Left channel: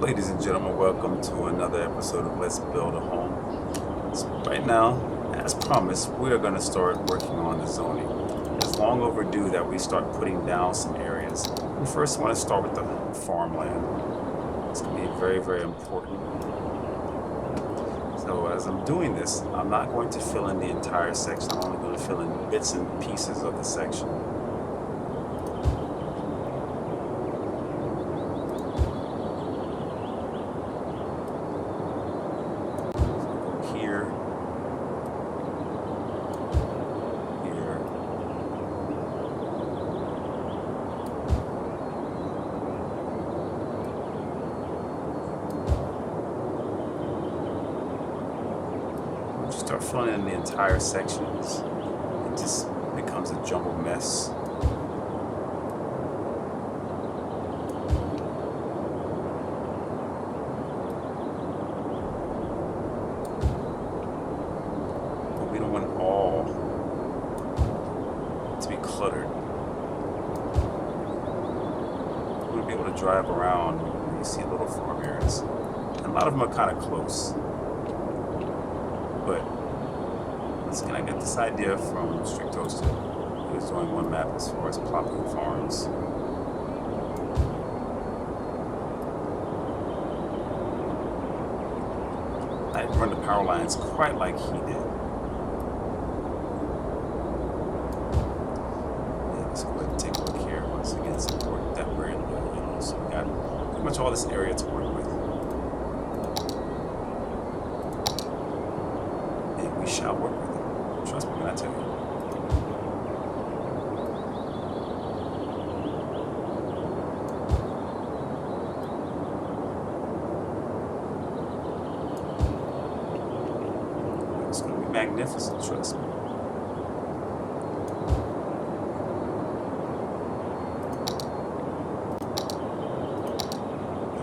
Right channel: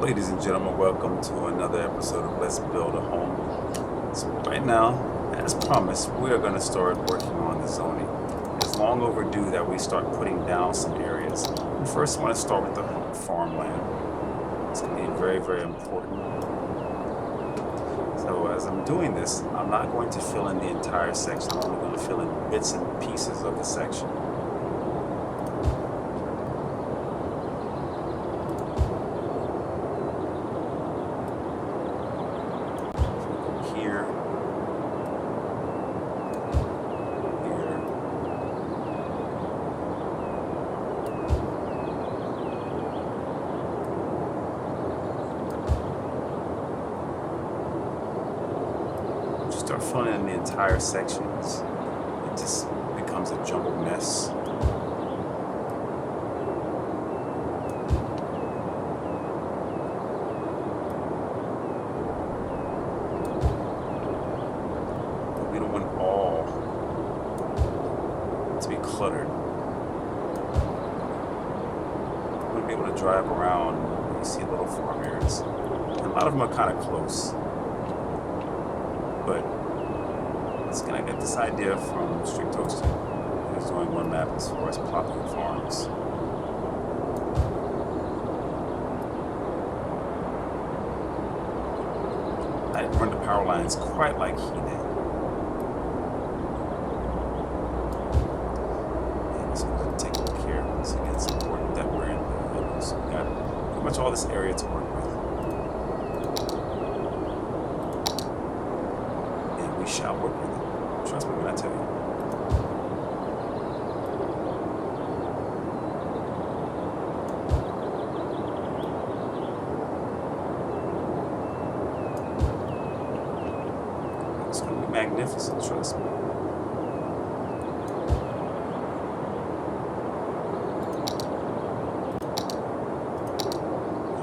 Ladies and gentlemen, welcome to another episode of Let's Build a Home. So right now, as promised, we are going to start working on the zoning. It's long overdue that we start putting down some areas. We first want to start with the farmland. It's going to be very, very important. So as I'm doing this, I'm not going to fill in the entire section. I'm only going to fill in bits and pieces of the section. Here, here, once you start filling in the entire sections, it just becomes a jumbled mess. But we don't want all to be cluttered. You want to be able to drive around and you see little farm areas. And a lot of them are kind of close. But let's kind of get this idea from Strict Toaster. He was doing one map as far as plopping farms. I didn't run the power lines quite like he did. And let's go ahead and take a look here. Once again, it's important that we're in the yellow. So we got pretty much all this area to work with. And we shall work with it. Trust me when I tell you. It's going to be magnificent, trust me.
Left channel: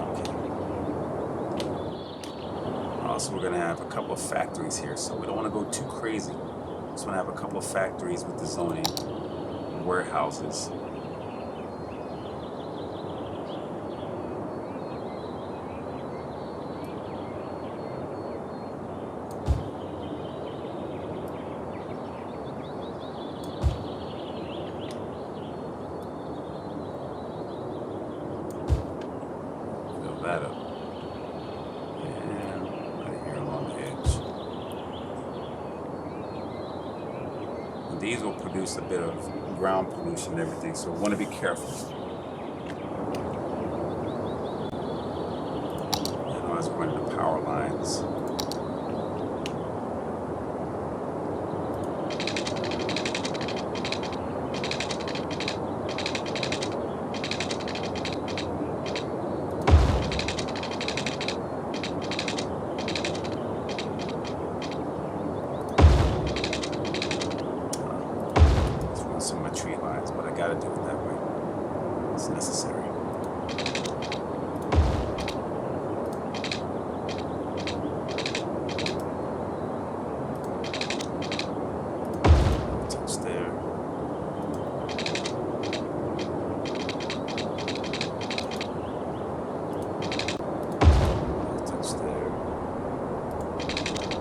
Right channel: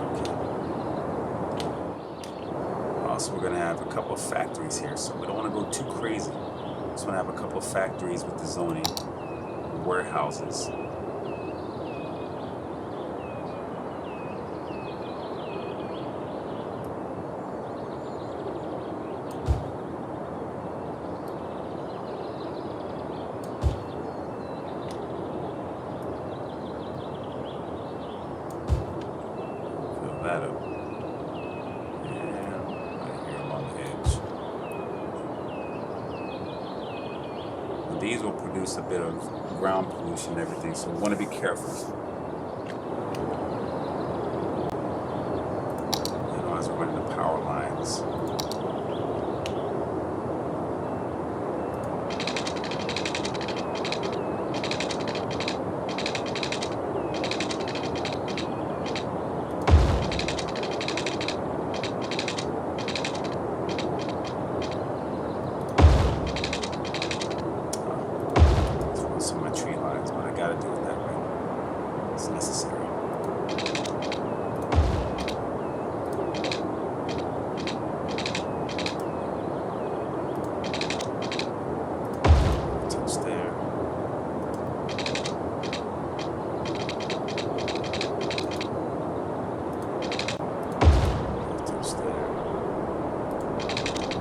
Okay. Also, we're going to have a couple of factories here, so we don't want to go too crazy. Just want to have a couple of factories with the zoning, warehouses. Fill that up. And right here along the edge. These will produce a bit of ground pollution and everything, so we want to be careful. And as we're running the power lines. Some of my tree lines, but I gotta do it that way. It's necessary. Touch there. Touch there.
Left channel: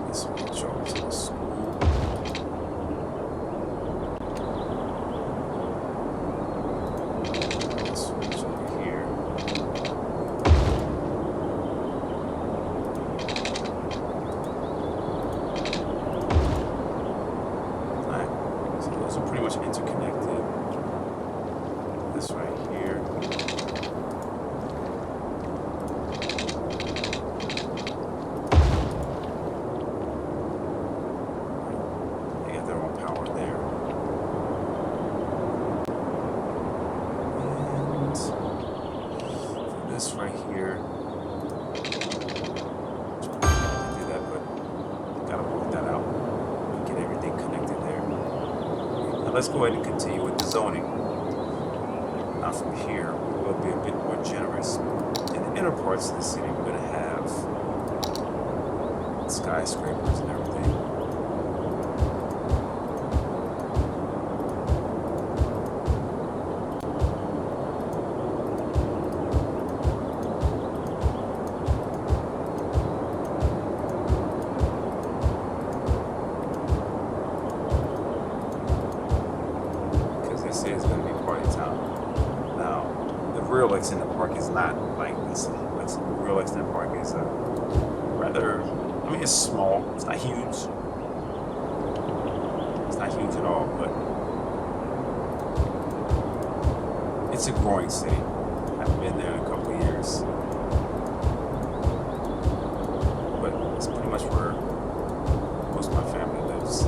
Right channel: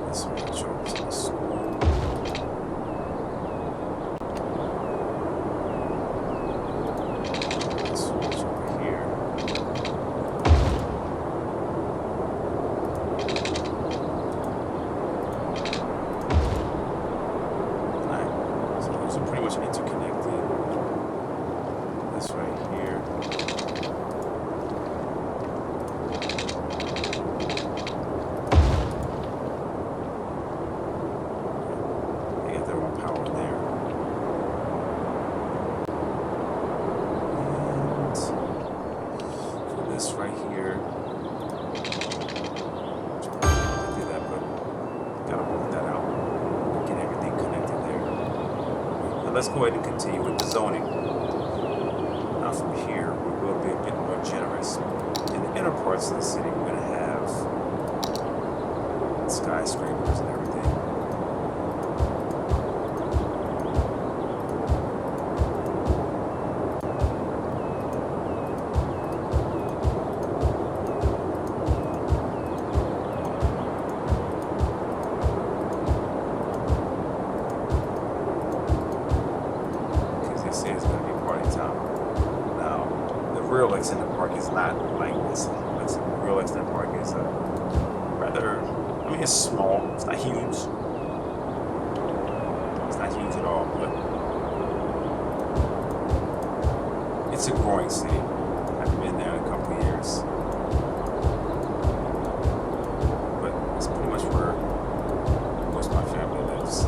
This will show up to the school. Those are pretty much interconnected. This right here. They got their own power there. And for this right here, I do that, but gotta work that out. Get everything connected there. Now let's go ahead and continue with the zoning. Now from here, we will be a bit more generous. In the inner parts of the city, we're going to have skyscrapers and everything. is not like this. Real extended park is rather, I mean, it's small. It's not huge. It's not huge at all, but it's a growing city. I haven't been there in a couple of years. But it's pretty much where most of my family lives.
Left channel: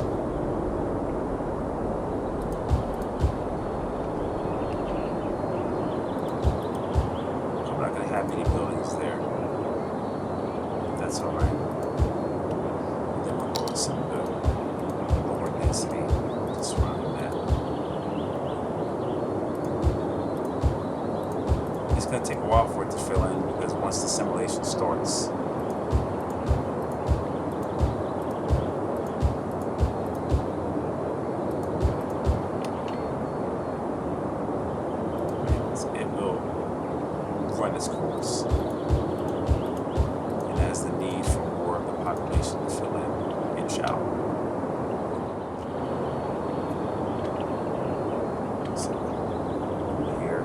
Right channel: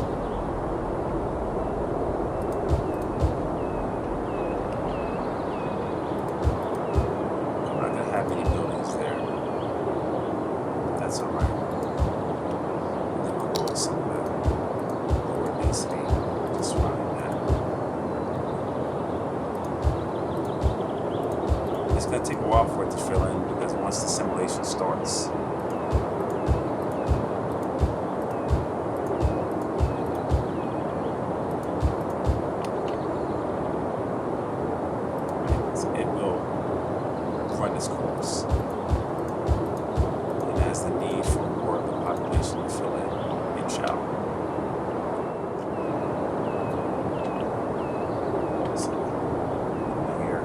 I'm not going to have many buildings there. That's all right. And then we'll go with some of the lower density just surrounding that. It's going to take a while for it to fill in because once the simulation starts, it will run its course. And as the need for more of the population to fill in, it shall. So here,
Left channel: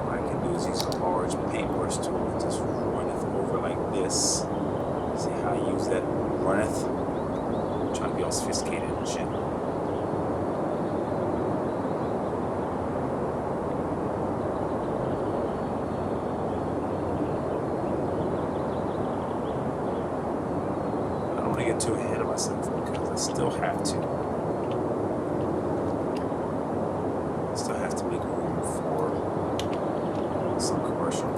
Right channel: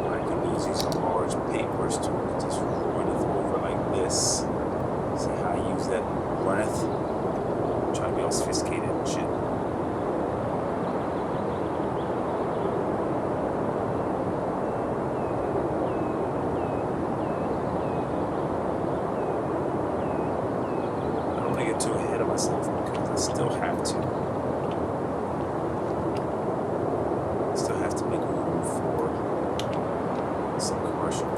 what I can do is use a large paintbrush tool and just run it over like this. See how I use that runneth? I'm trying to be all sophisticated and shit. I don't want to get too ahead of myself because I still have to make room for some commercial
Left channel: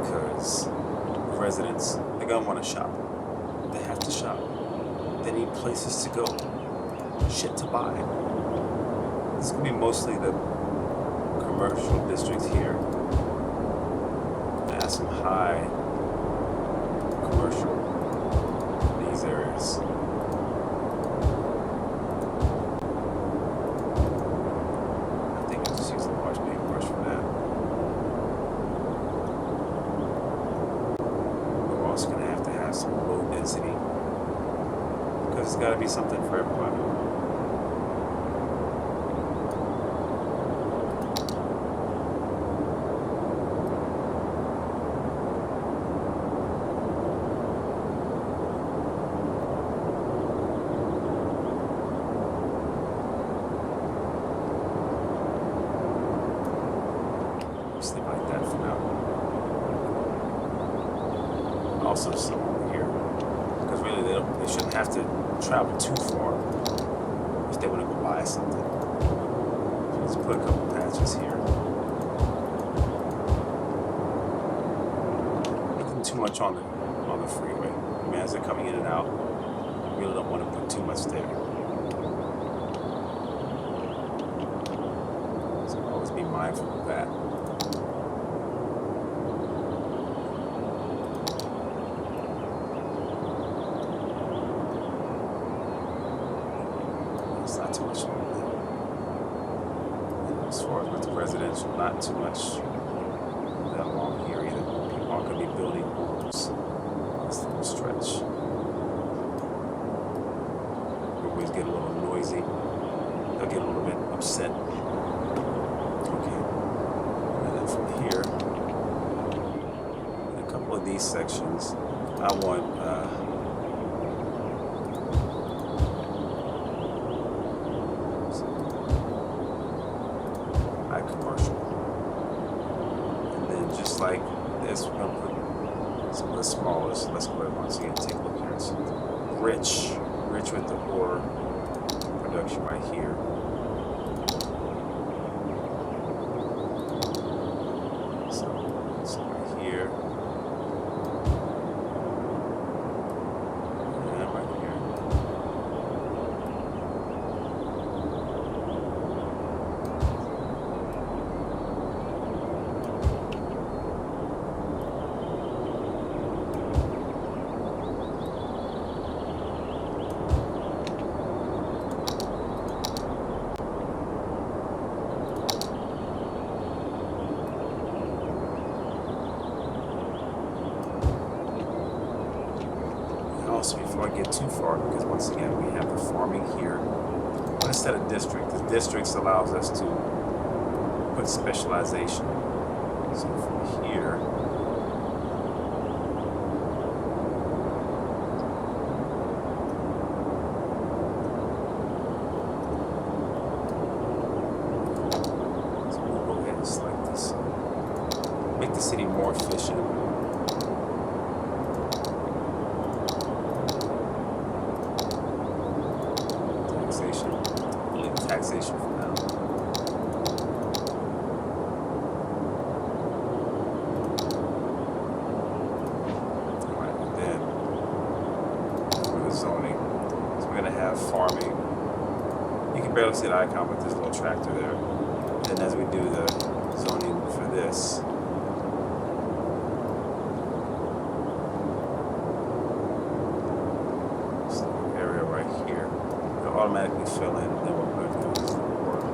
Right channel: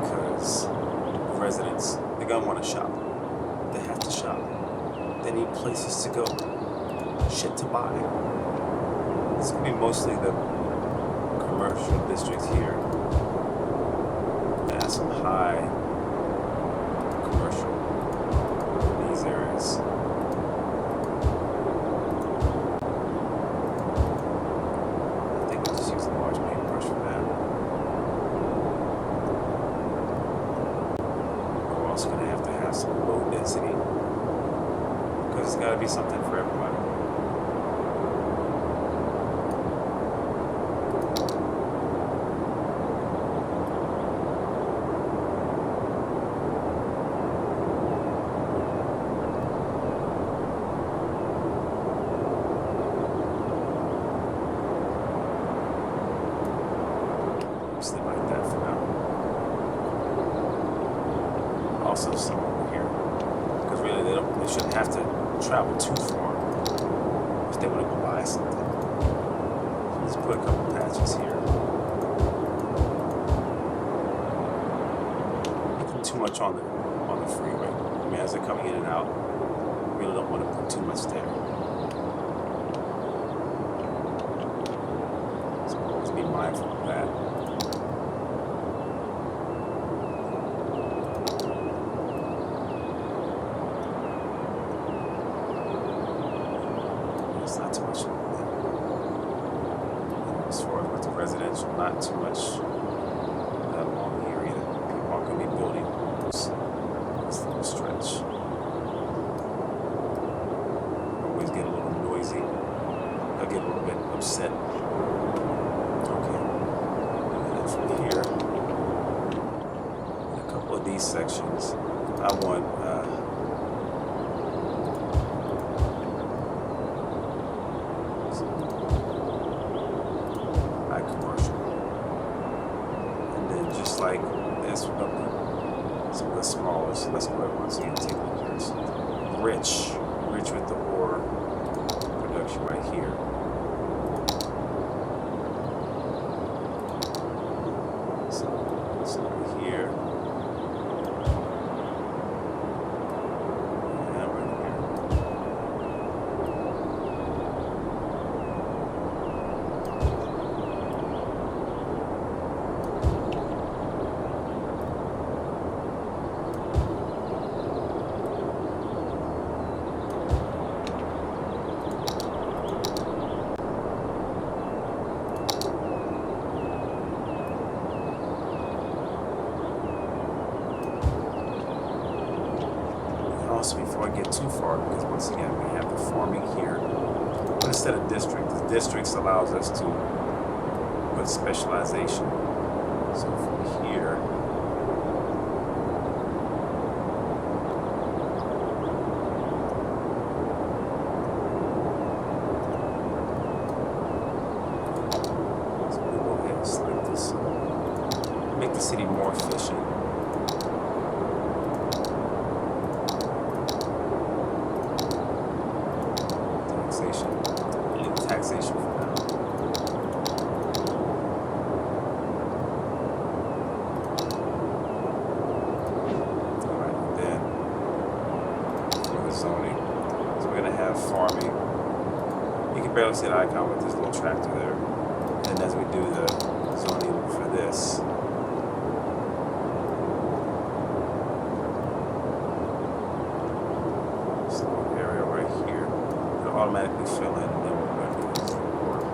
because the residents, they're gonna want to shop. They have to shop. They need places to go, shit to buy. This is gonna be mostly the commercial district here. They have some high commercial in these areas. I think I'll just use a large paintbrush for that. But we're also gonna have to have some low density because it's gotta be something for everybody. Sleep like that for now. Also some over here, because really they shouldn't have to travel too far if they want to go buy something. So let's put a couple patches here. Nothing too much on the freeway. I mean, as they're coming in and out, you really don't want to put too much there. So always be mindful of that. Not too much on that. And as far as with the residential, not too much that along here either. People aren't going to be building homes on this little stretch. They always get a little noisy. They'll get a little bit upset. Okay. And then from here, in a couple of these sections, I want commercial. And then just like this, we're gonna put some of the smallest. Let's go ahead once again, take a look here. It's rich with the ore production right here. So right here. And right here. Also, before I get too far, because once again we have the farming here, but instead of district, the districts allows us to put specialization. So from here, so we'll go ahead and select this. Make the city more efficient. Taxation. Leave taxation for now. Zoning. So we're going to have farming. You can barely see the icon with this little tractor there. And as we do the zoning for this, this little area right here, it'll automatically fill in, and then what we're going to do is work.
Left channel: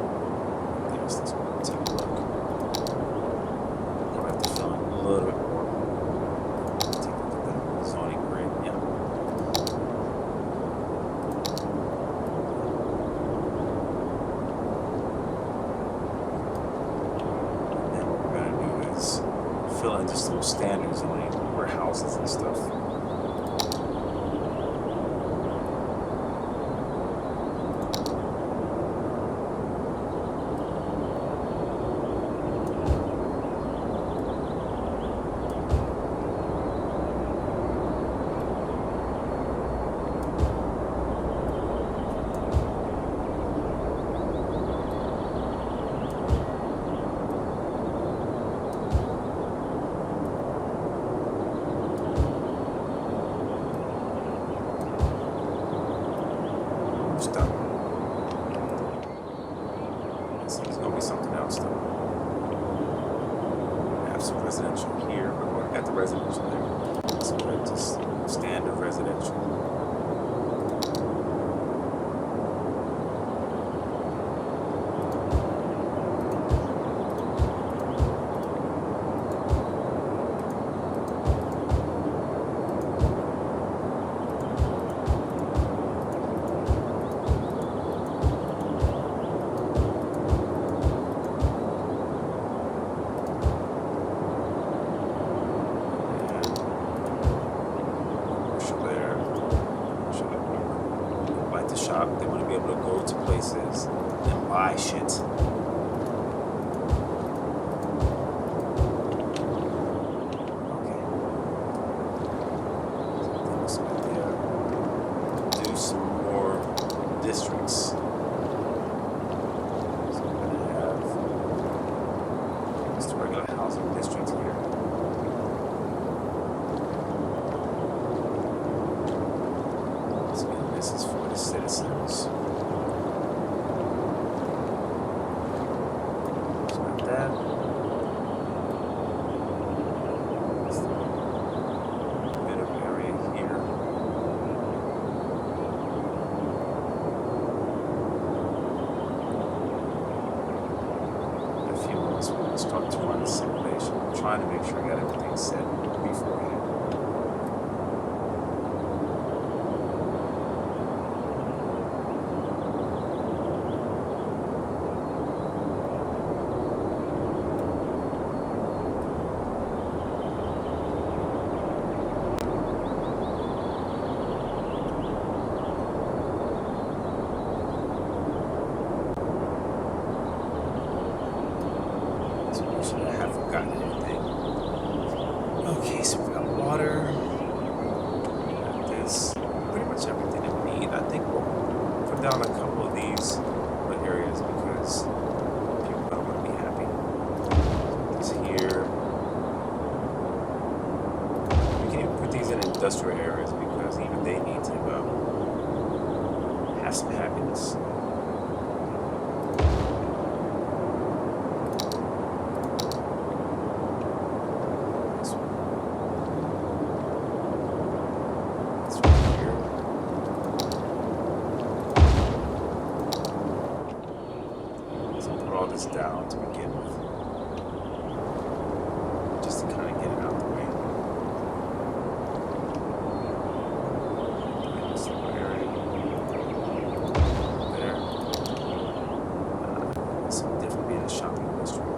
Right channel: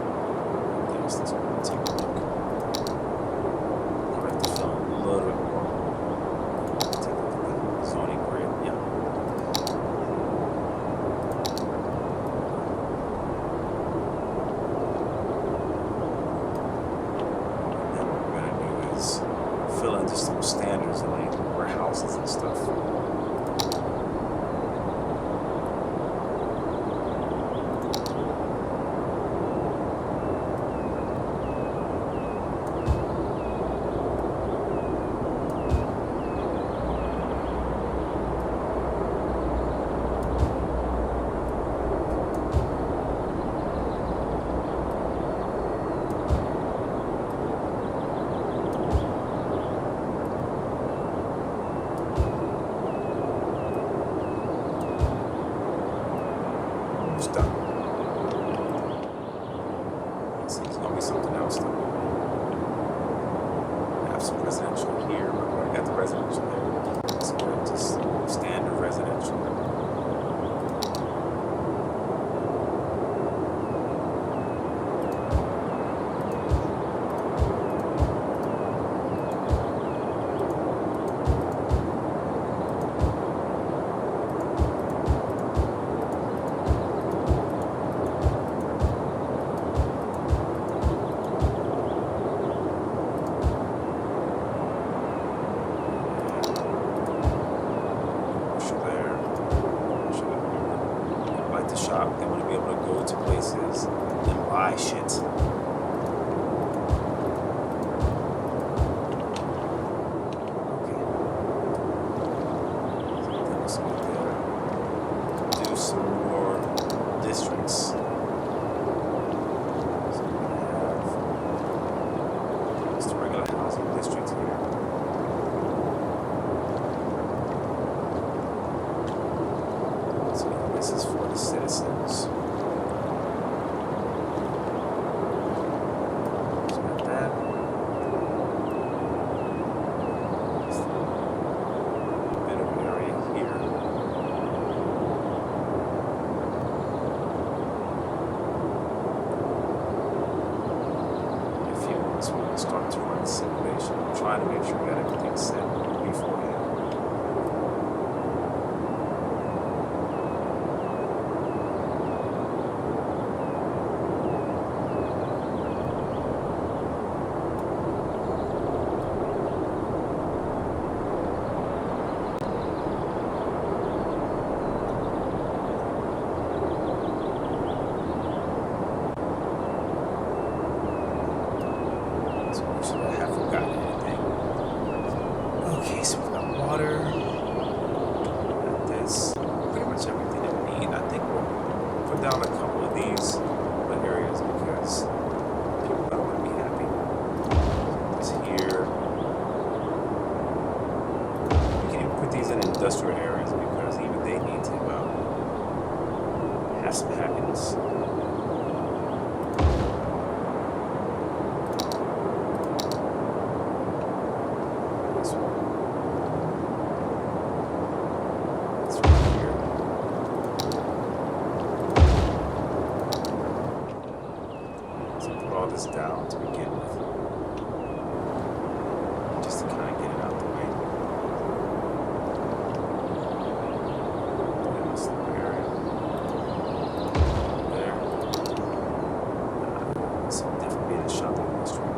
There's this one. Take a look. Probably have to fill in a little bit more. Take a look at the zoning grid. Yeah. Fill in just some standard zoning, warehouses and stuff. Done. So there's going to be something else though. I have some residential here, but we already got the residential there. So we're just standard residential. To shop, they want to be able to go to places and buy shit. Okay. So then let's go there. Do some more districts. So we're going to have just a regular housing district here. This is for the citizens. Just got that. Just a bit of area here. In a few months we will start to run the simulation. I'm trying to make sure I got everything set beforehand. I have forgotten anything. Okay, so we've got water. We've got this. Pretty much everything that we need. I think we'll put down a couple of these areas because people don't want to be happy. This here. We can even put these in industrial areas because even they need to have some happiness. All this down to begin with, just to kind of get it out the way. In this little area there, this will definitely be in the shopping district.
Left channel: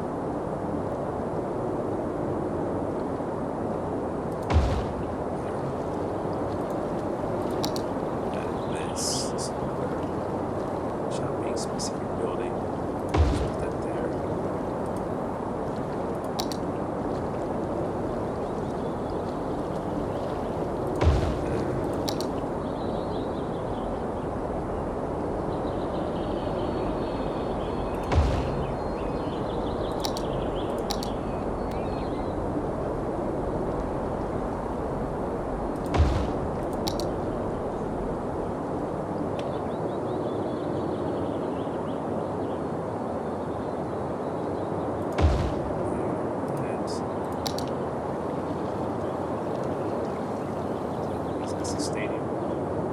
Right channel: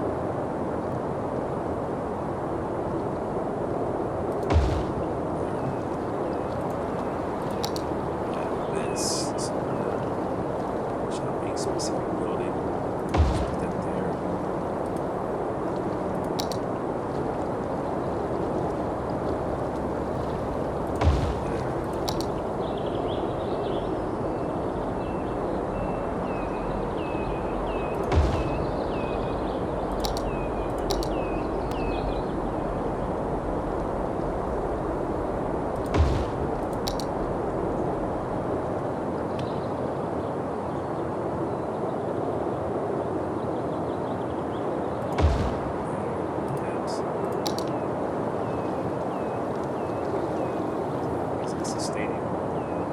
It's a stadium.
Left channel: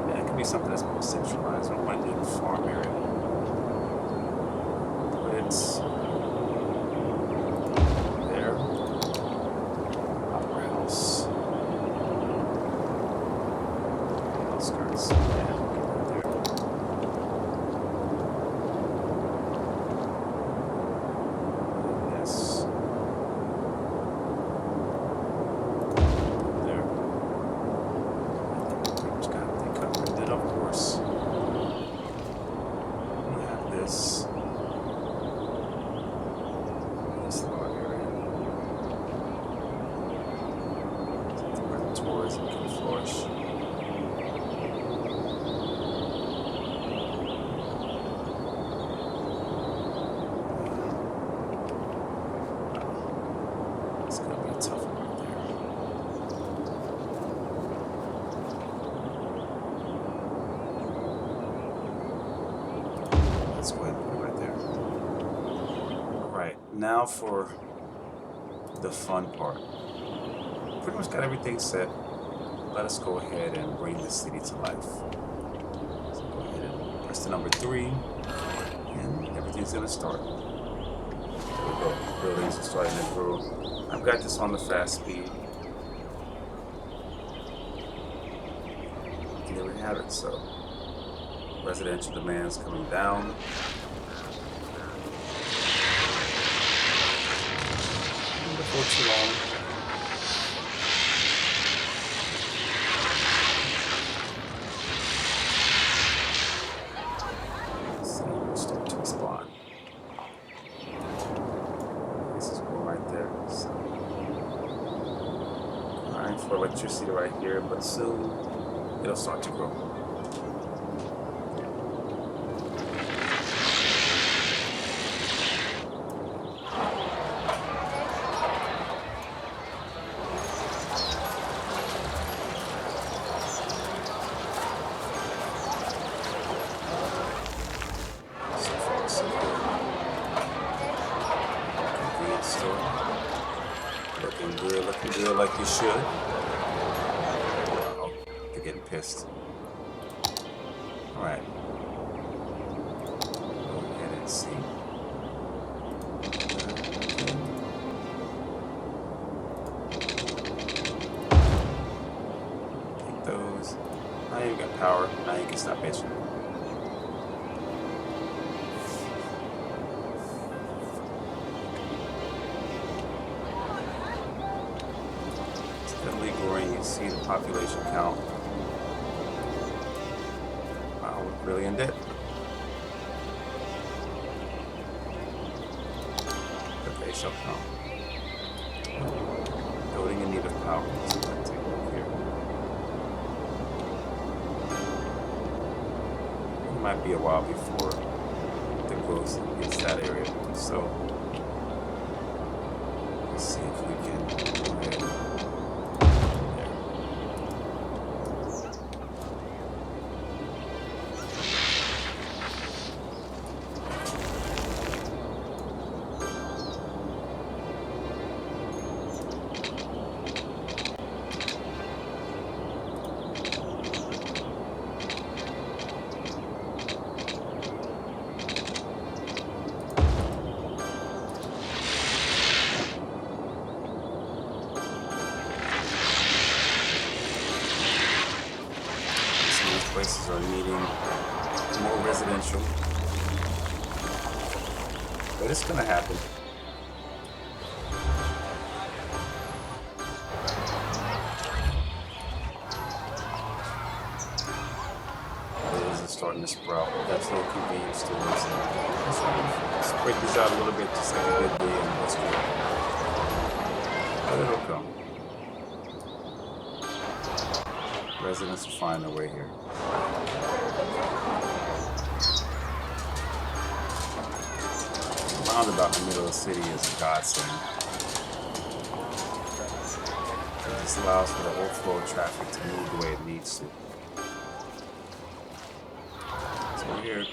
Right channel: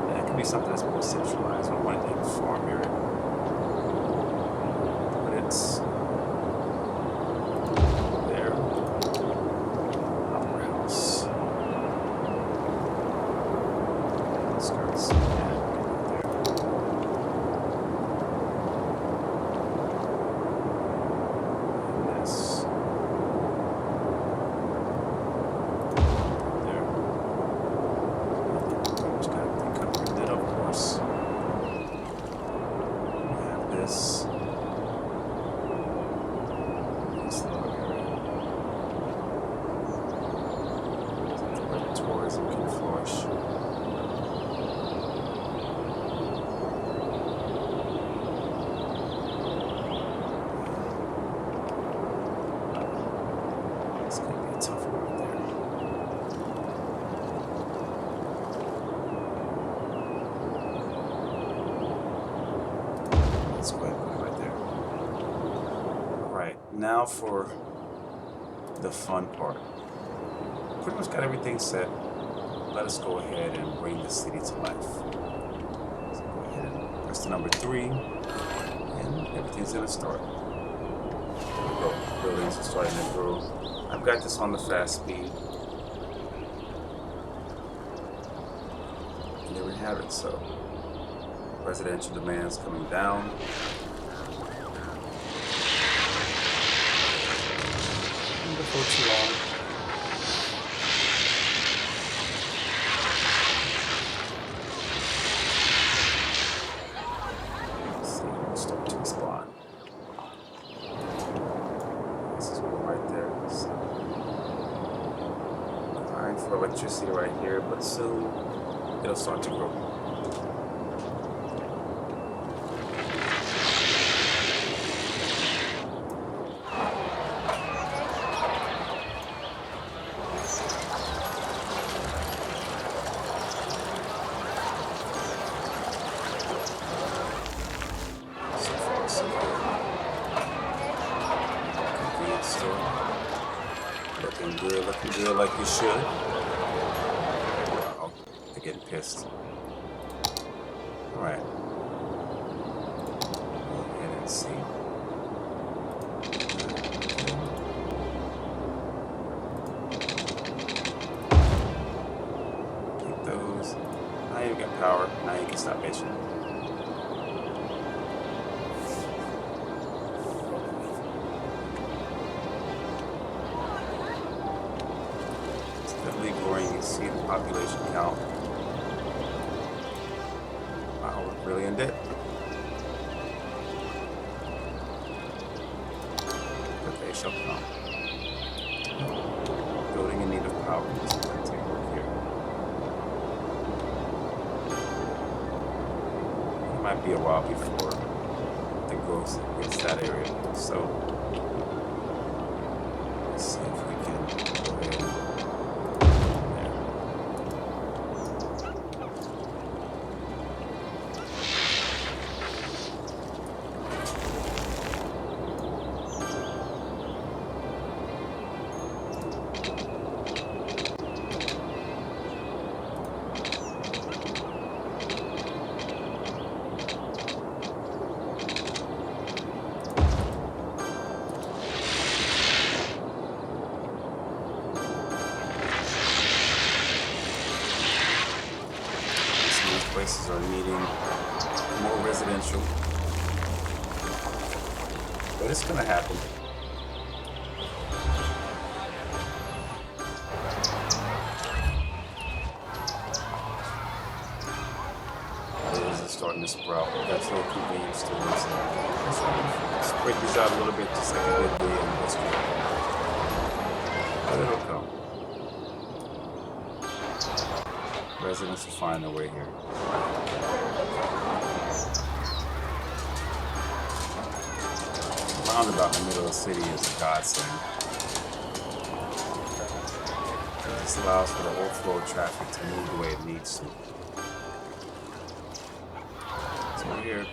That could be something that's more centralized. I don't want it in a farm area. But it's there. Opera House. Outskirts. Yeah, get right there. And this. There. Pretty much got everything covered. Then, of course, we'll have this. This lower area. Where tourism can flourish. It's going to be a tough one right there. Let's go ahead and put it right there. All right, now for the fun part. Pretty much got everything set. Let us go ahead and bring the city to life. So go ahead and press the number 3, and everything's going to start. There we go. Buildings are starting to grow. I've got this on the fast speed. And there we have it. So residential demands coming down. And before too long, we'll start to respond. This is one right there. So, crying for electricity right here, but soon it'll start to grow. So far, so good. Convenience store. Looking good like you should. Uh-oh, they're getting pissed. Alright. Go ahead and see. Take those. Now you got power. Now you can stop bitching. Steadily growing, you see the population count. Wow, we're really in debt. But they shall come. Oh, building in need of power. Let's take a look here. It might be a while before the growth hits that area. So let's see if we can go ahead and places are needing more residential, but it's gonna happen. Buildings are starting to sprout. That's little convenience stores. Let's break these out a little bit, just like a good day in history. But it'll come. Residents will find their way here. Roundabout in the middle of the city is a godsend. This allows for the overflow of traffic to move the way it needs to. So we're here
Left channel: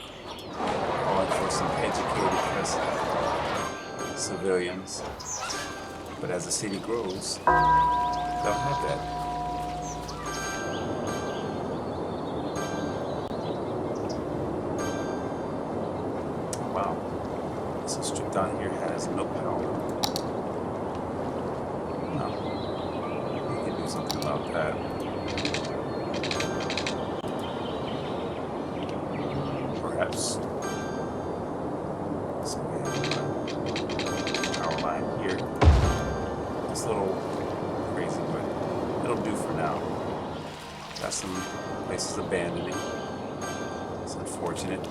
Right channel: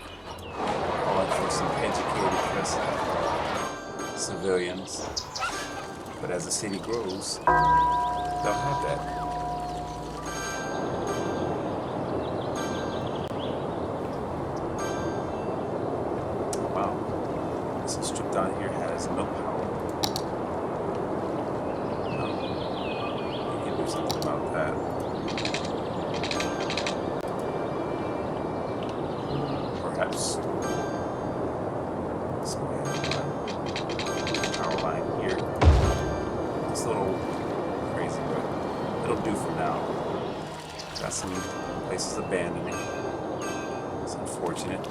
calling for some educated civilians. But as the city grows, they'll have that. down here has no power. No. We can do something about that. Perhaps. Let's go ahead and run power line here. It's a little crazy, but it'll do for now. Got some places abandoning. It's unfortunate.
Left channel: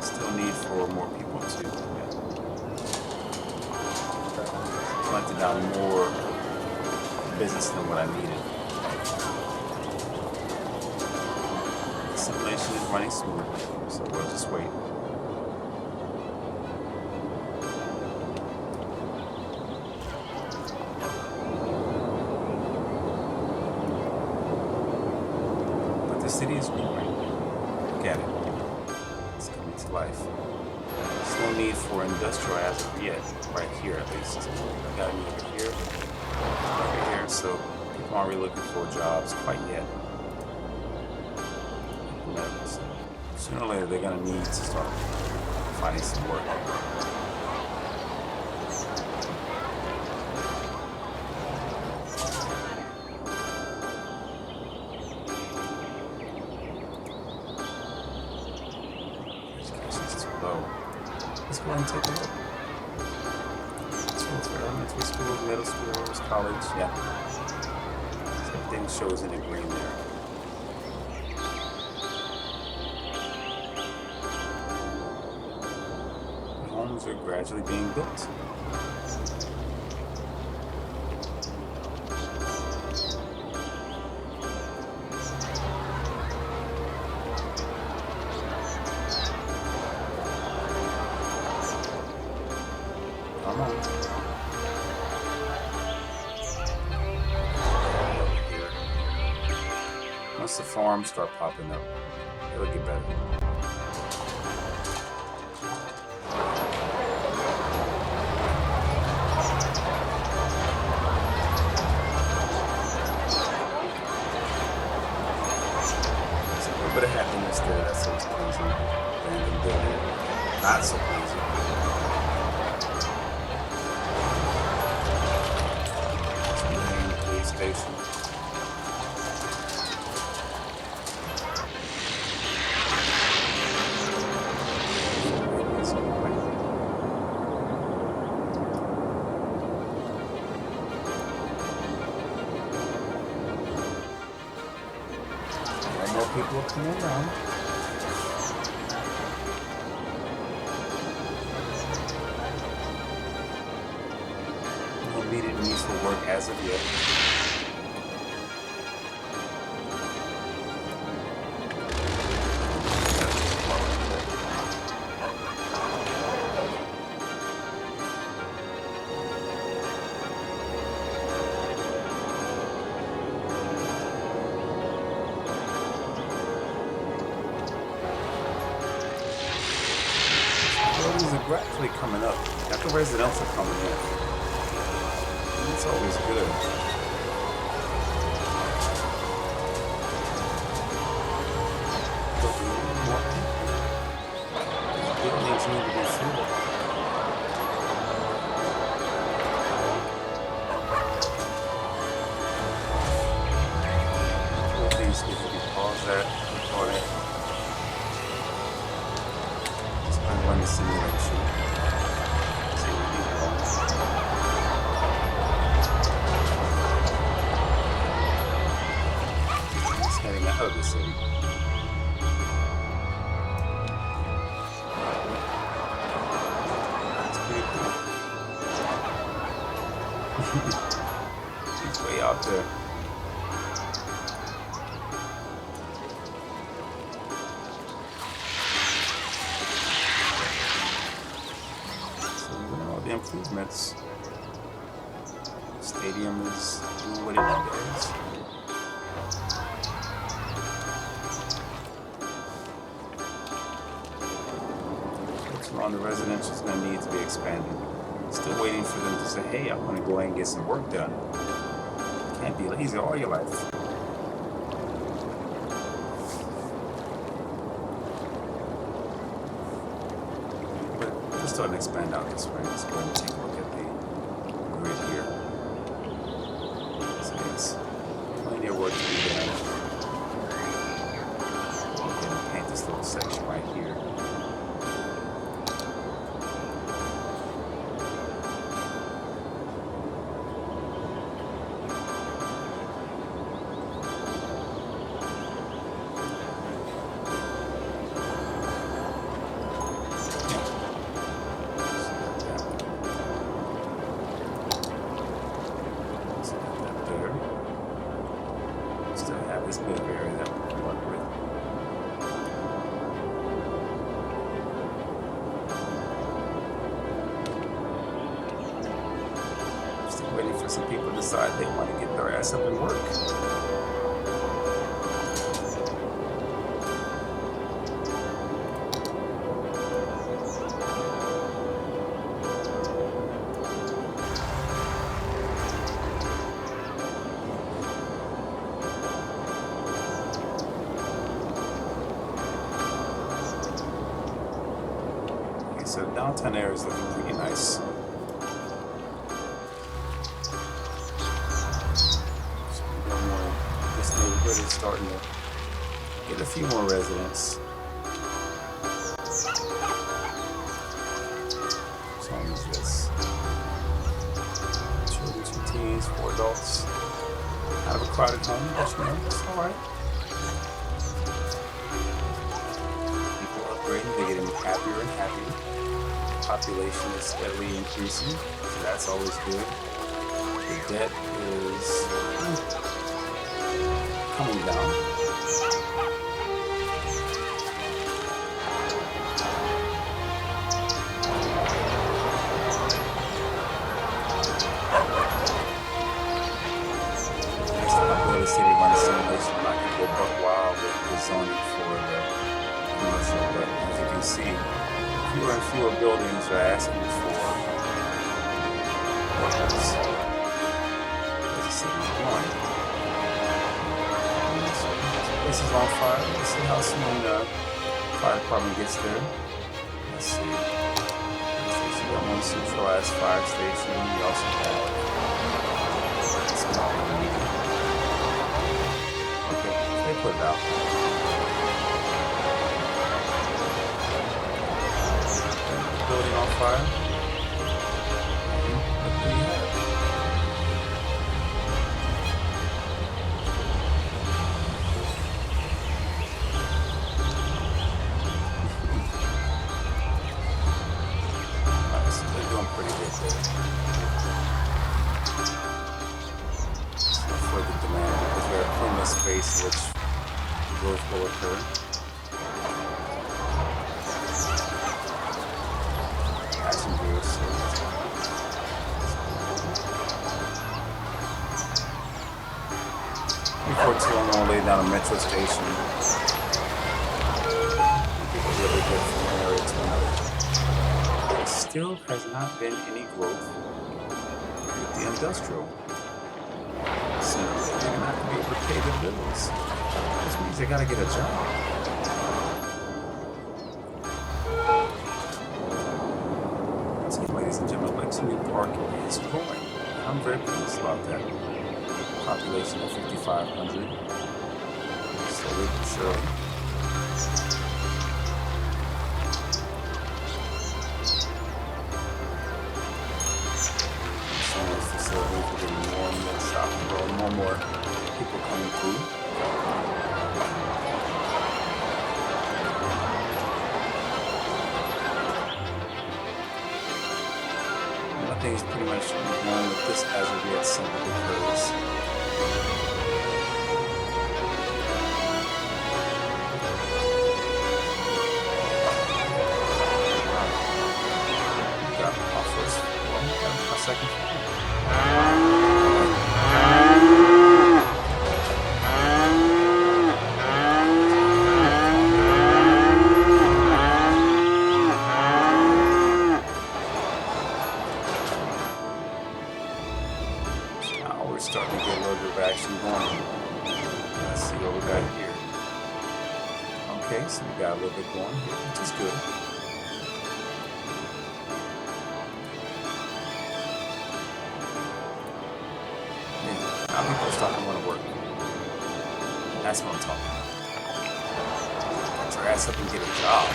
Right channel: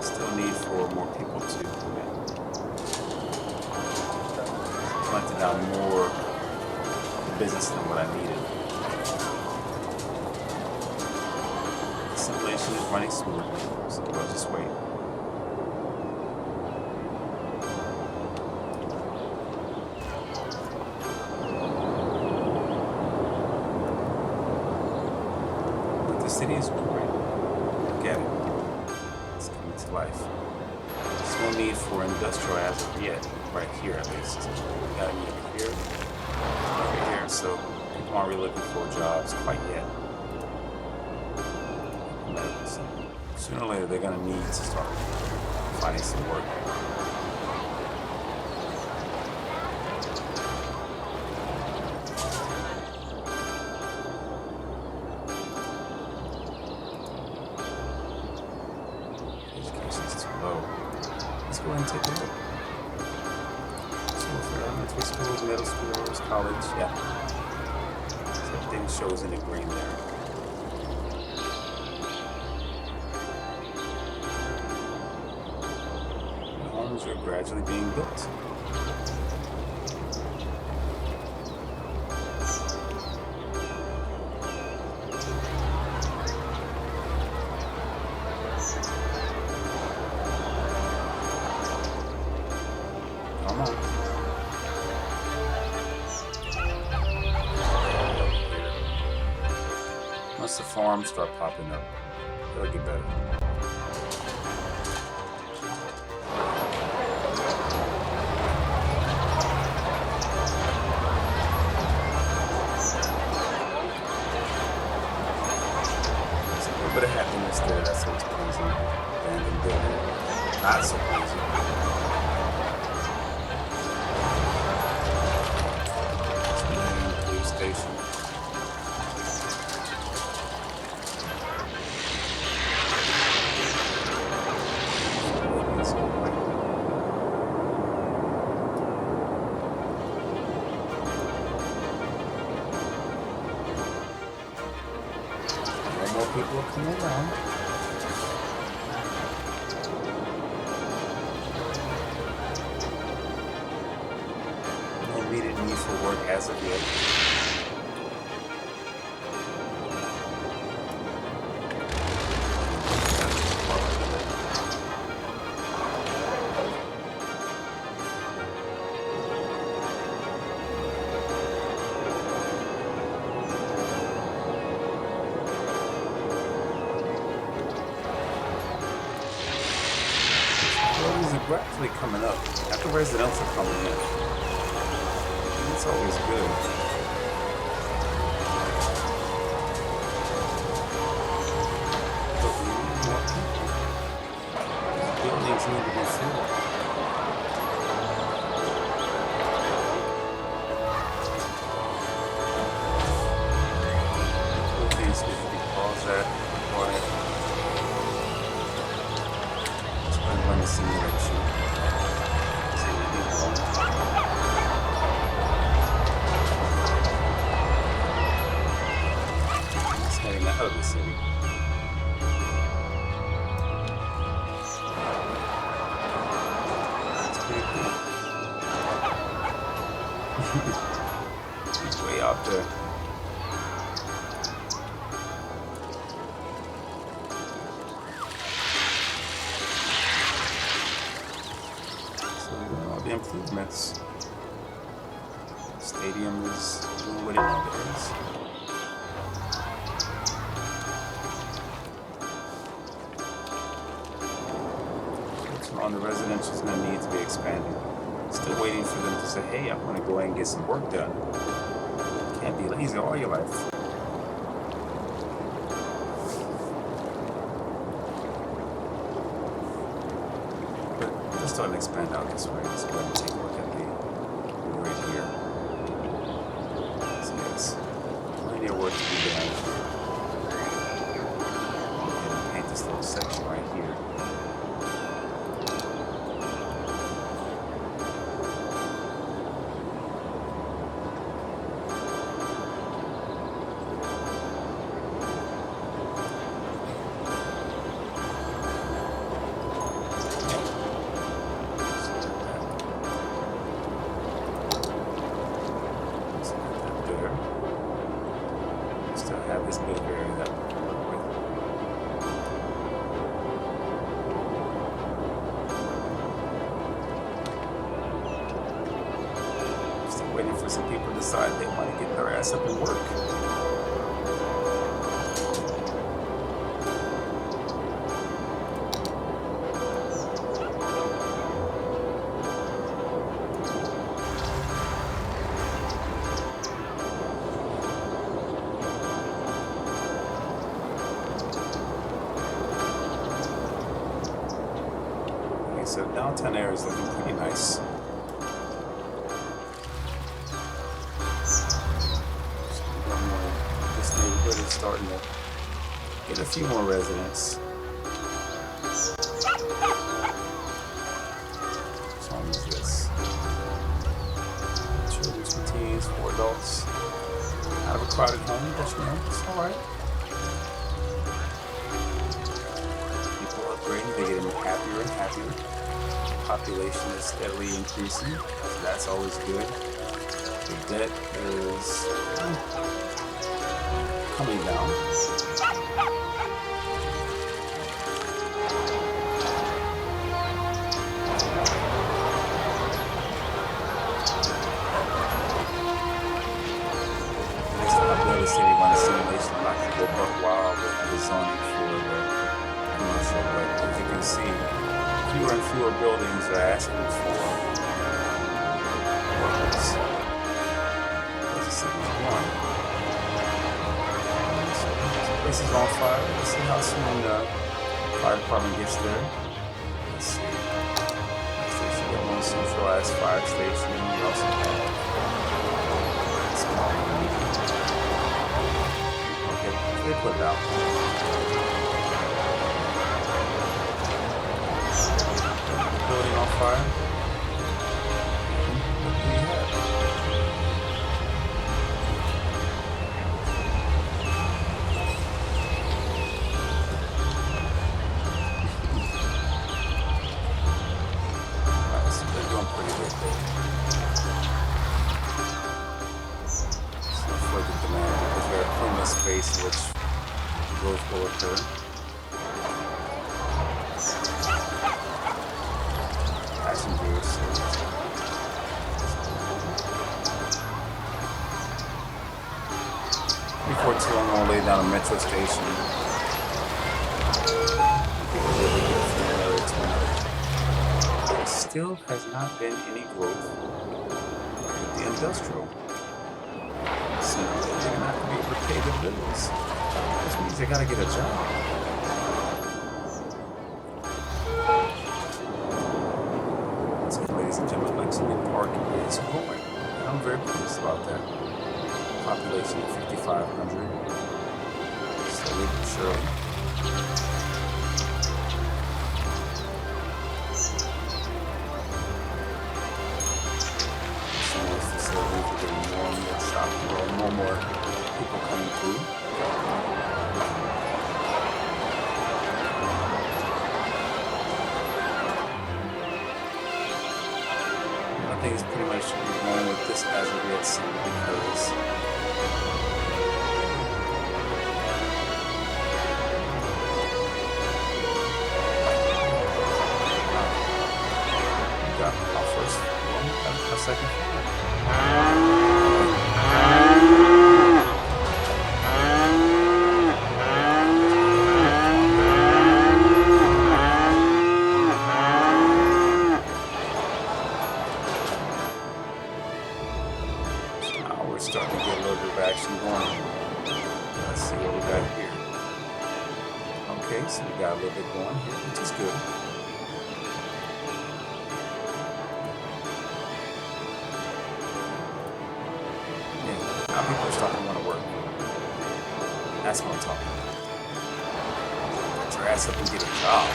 Still need for more people to planted down more business than what I needed. Simulation is running smoothly, so we'll just wait. But the city is growing. Look at it. It's coming to life. There's no need for industrial as of yet, right here at least. We got a need over here, so people aren't really looking for jobs quite yet. Sooner or later, they're going to need to start finding some work. Education's too low. Let's go ahead and take a look. Schools for elementary schools, middle schools, college, yeah. So everything shows in the green there. Homes are gradually being built. Come on. Here. Once the farms start popping up, it'll get better. Bit of happiness there, that's so pleasing. Abandoned building, not so pleasing. It's the main police station. More people are coming around. No immediate need for work as of yet. Buildings are gradually coming up after residents are coming in. And it's always good. But we need more people. Buildings need to be filled. Buildings need to be paused at, recorded. Run the simulation. It's heading out of the city. It's pretty cool. He's way out there. The improvements. Stadium is doing what it does. Folks around the residential is going to need to be expanded. Still waiting for them to say, hey, I want to go ahead and get some work done. Can't be lazy all your life. starting to expand out this way. Let's go ahead and take a look at the grid here. So yes, plenty of work to be done. Go ahead and paint this little section right here. There. Still have this bit of area that we can work with. Still waiting for some people to decide they want to get their ass up and work. So downtown area is looking pretty nice. So this neighborhood is starting to get a few more residents. Which home is this? Children, 2 teens, 4 adults. Kind of a crowded home, but you know, it's alright. People upgrading, they get happier and happier. Population is steadily increasing, so that's always good. The debt is coming down. Next time I build a city run a simulation, I'm not going to go buck wild with the zoning for the commercial, but as you can see, fewer and fewer buildings are asking for workers. As the city's growing. So this place is on fire. Let's see how soon the fire department gets there. Let's see. We got one centralized fire station. We also have small and medium. Okay, they put it out. Building on fire. What do we have? Alright, so they're doing pretty good there. It's no further demand because they're in the space in which growth will occur. Passengers. Before too long, I'm gonna lay down a metro station. People really good from one area to another. There still has not been any growth with the industrial. So they're gonna have to be able to pay their bills. This means they gotta get a job. Ladies and gentlemen, Lexington Park is growing, and I'm very pleased about that. Population of 5,500, slowly but surely. Some of these facilities are getting more and more shopping, more and more people coming through. I think it's pretty much going with this as of yet simply because we got our first one, our second one. We're starting to get a little bit of action going. Let's see what we got here. Okay, so we got a little bit going here, which is good. Yeah, now people are starting to want to work. That's what I'm talking about. Get your ass up and get a job.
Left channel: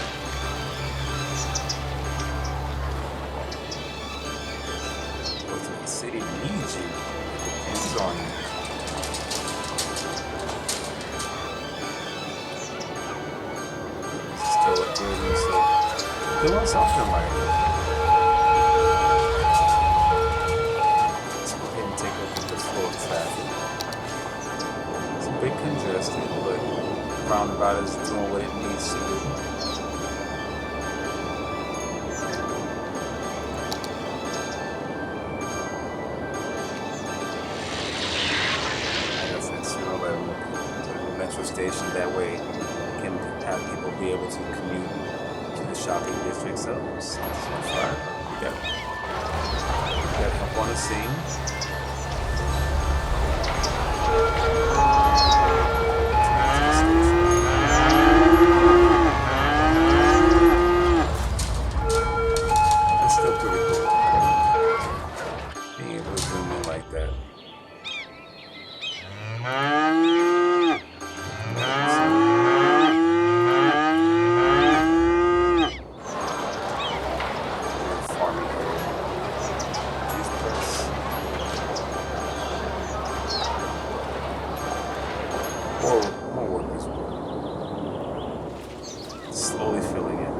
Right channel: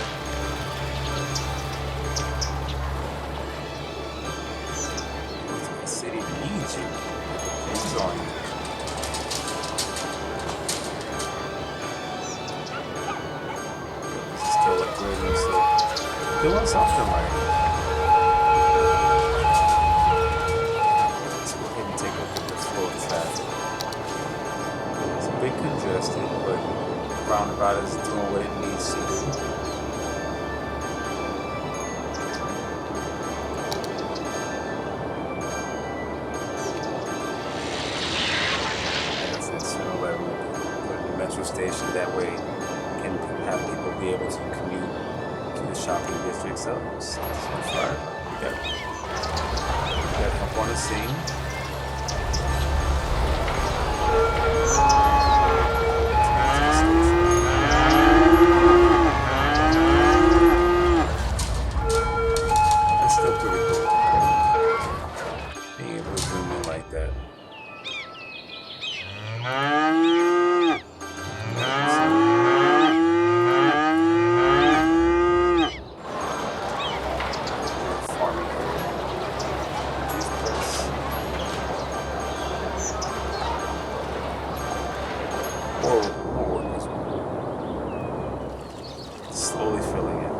Go to the city needs you. It depends on you. This is still upgrading, so doing something right. Let's go ahead and take a look at the flow of traffic. It's a bit congested, but the roundabout is doing what it needs to do. Like I said, sooner or later we'll put in the metro station. That way can have people be able to commute to the shopping district. So far, we got help on the scene. That's still pretty cool. Being able to zoom in like that. More workers. Slowly filling in.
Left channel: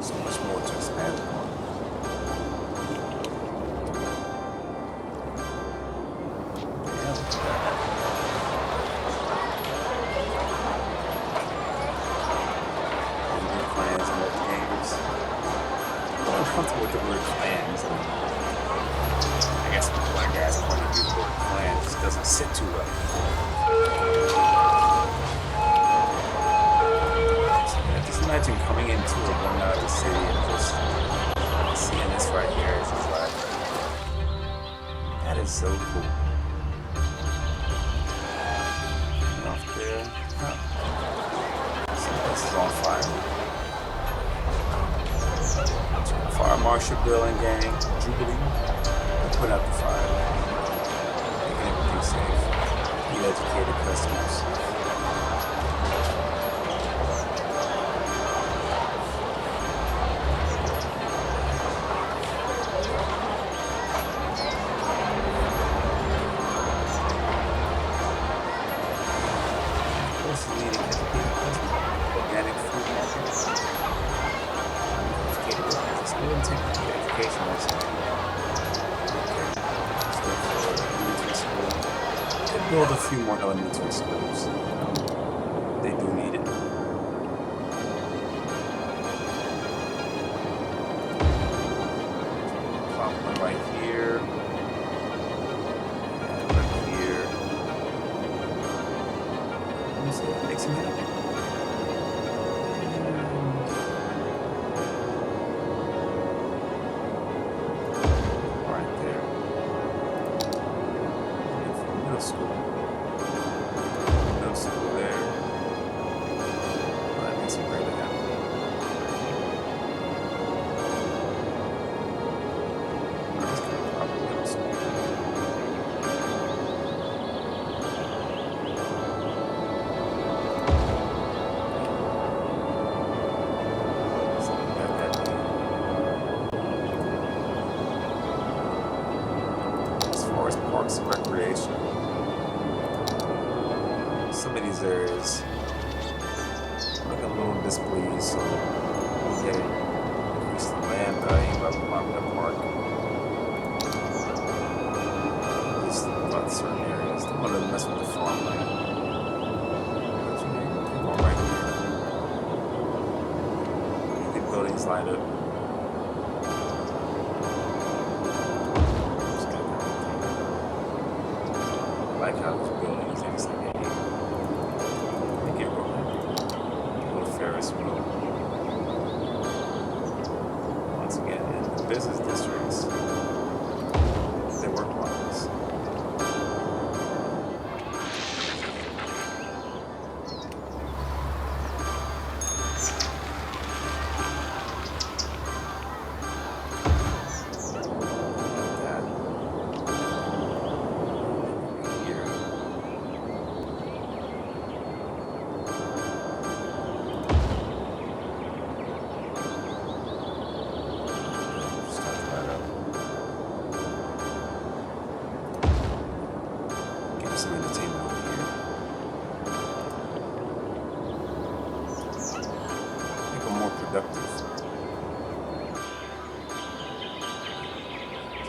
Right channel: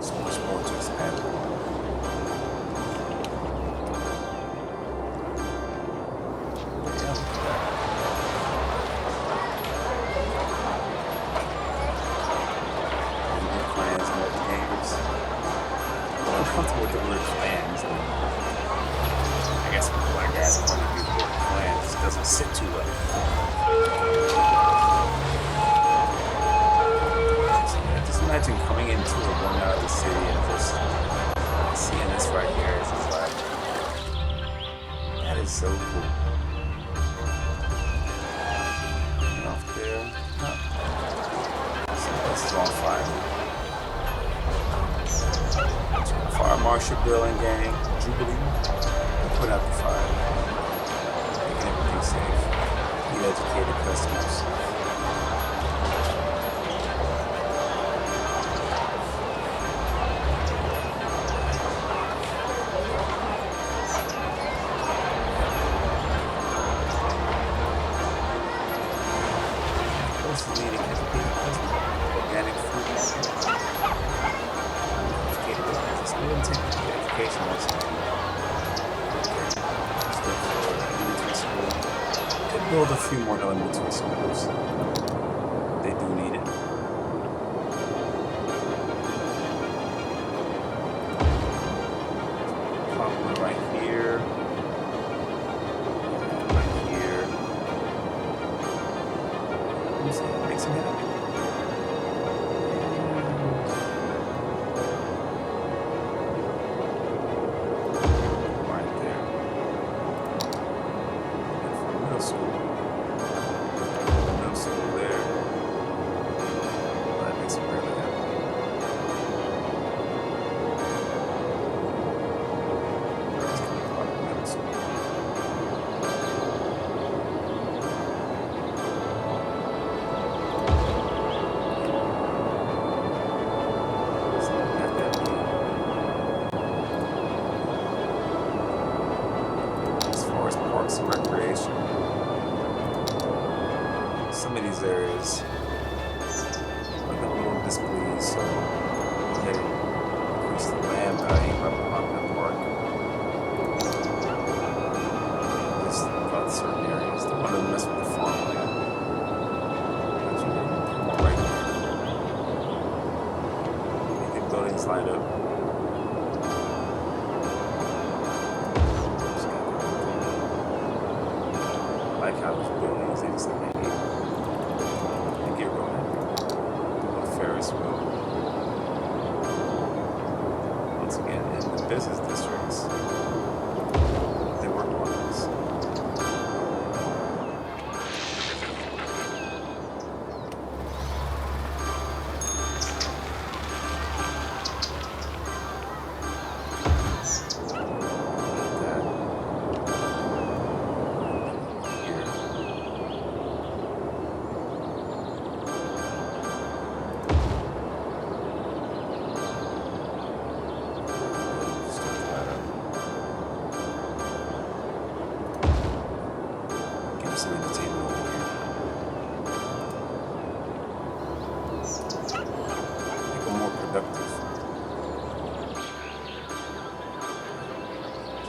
So much more to expand upon. But yeah, look at that. New clans and other games. I'm uncomfortable with the word clans. I guess from the black guy's point of view, the word clan just doesn't sit too well. So, yeah, just imagine coming into or going out of the city and just seeing this right here. It's just like, that is so cool. And off there, so this is on fire. Fire Marshal Bill and gang, Jubilee. Put out the fire, making everything safe. You educated customers. What's the leading educated customer? Organic food market. Educated workers. Let's go ahead and take the education once again. Could build a few more elementary schools. They do need it. Pop one right here. And right here. Let me see, that makes me happy. Right there. Middle school. Middle school there. Well, that makes me really happy. That's going to pop middle school. So have that be. As far as parks and recreation. Some of these areas looking a little displeased, so we'll get it, increase the land value by popping a park. At least about certain areas. Don't want to mess with the farmland. But you know, come on right here. Make the buildings light up. I like how this building is things like that. Get real happy. A little Ferris wheel. Once again, in the business districts, they work wonders.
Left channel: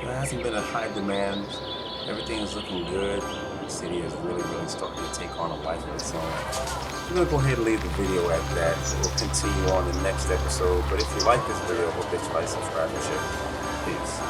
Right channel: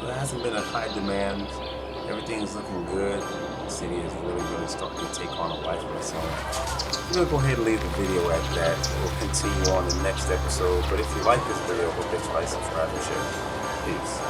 So it hasn't been a high demand. Everything is looking good. The city is really starting to take on a life of its own. I'm going to go ahead and leave the video at that. We'll continue on the next episode. But if you like this video, hope that you like, subscribe, and share. Peace.